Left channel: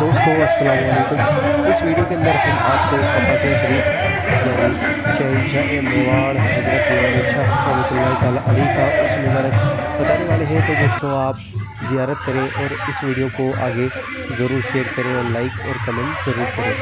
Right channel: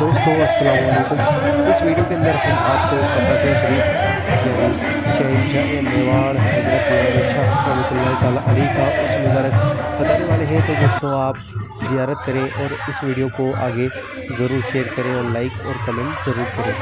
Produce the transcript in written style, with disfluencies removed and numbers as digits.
दोस्तों अस्सलाम वालेकुम। इस वीडियो के अंदर हम आपको कब्र शरीफ यानी शहनशाह मेवाड़ हज़रत दीवान शाह रहमतुल्लाहि ताला अलैह का उस मुबारक बताने वाले हैं। तो दोस्तों आप ज़ियारत करें और इस वीडियो को आगे ज़रूर शेयर करें और लाइक और कमेंट ज़रूर करें।